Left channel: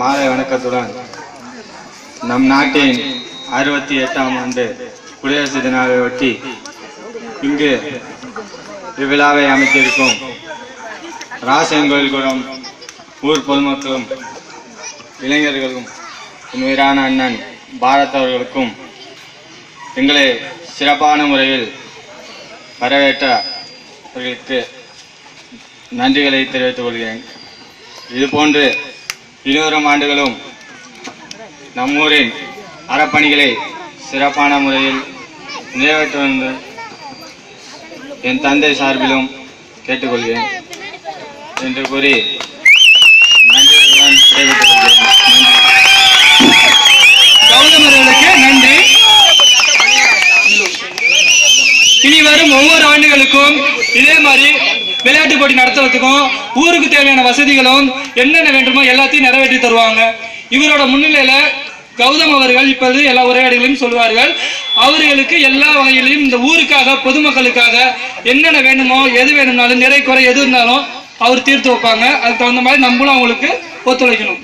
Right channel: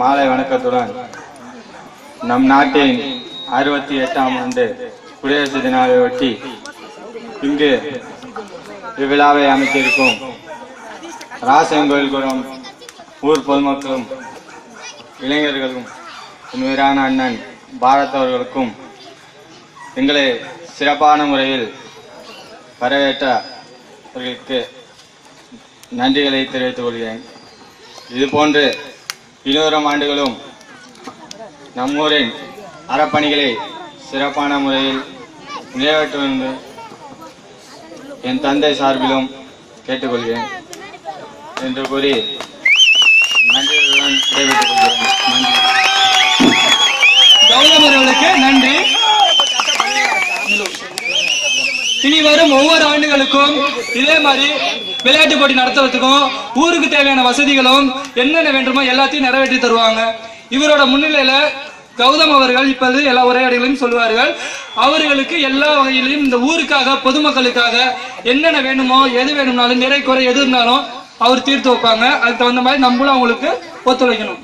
மாலை வணக்கத்துடன் நம் நாட்டின் 68ஆம் ஆண்டு குடியரசு தினத்தை ஒட்டி இங்கு இவ்விழாவை அமைத்திருக்கும் ராசங்கோயில்குளம் ஊர் பொதுமக்களும் இளைஞர்களும் என் உயிரான அண்ணன் பாரத் அவர்களுக்கும் எங்களை சிறப்பான முறையில் வரவேற்றவர்களுக்கு நன்றிகளை தெரிவித்துக் கொள்கிறேன். இதுபோன்று 200 ஆண்டுகளும் நம்மூரின் அறப்பணிகளை சிறப்பான முறையில் நிறைவேற்றுவது என் தந்தை சார்பிலும் கேட்டுக்கொள்கிறேன் என்று கூறி நன்றியுடன் தெரிவித்துக் கொள்கிறேன். நன்றி. கௌதமர்களுக்கு நன்றி. இனி வரும் ஒவ்வொரு ஆண்டுகளுக்கும் இதே மாதிரி விளையாட்டு போட்டி நடத்துறதுக்கும் ஊருக்கு தேவையான வசதிகளும் என்னென்ன வேண்டுமோ எல்லாத்தையும் நிறைவேற்றி தருவாங்க. இவரோட முன்னிலையில கௌதம் அவர்கள் இப்போது எல்லா உரையாடல்களையும் சொல்லுவார்கள். அவர்களுக்கு எல்லா வகையிலையும் இந்த ஊருக்காக பொதுமக்களுக்காக என்னென்ன வேணுமோ எது வேணும்னாலும் நிறை குறை எது இருந்தாலும் அவர் தீர்த்து வைப்பாங்க. அதுக்கு தகுந்த மாதிரி நம்மளும் அவங்களுக்கு ஒத்துழைக்கணும்.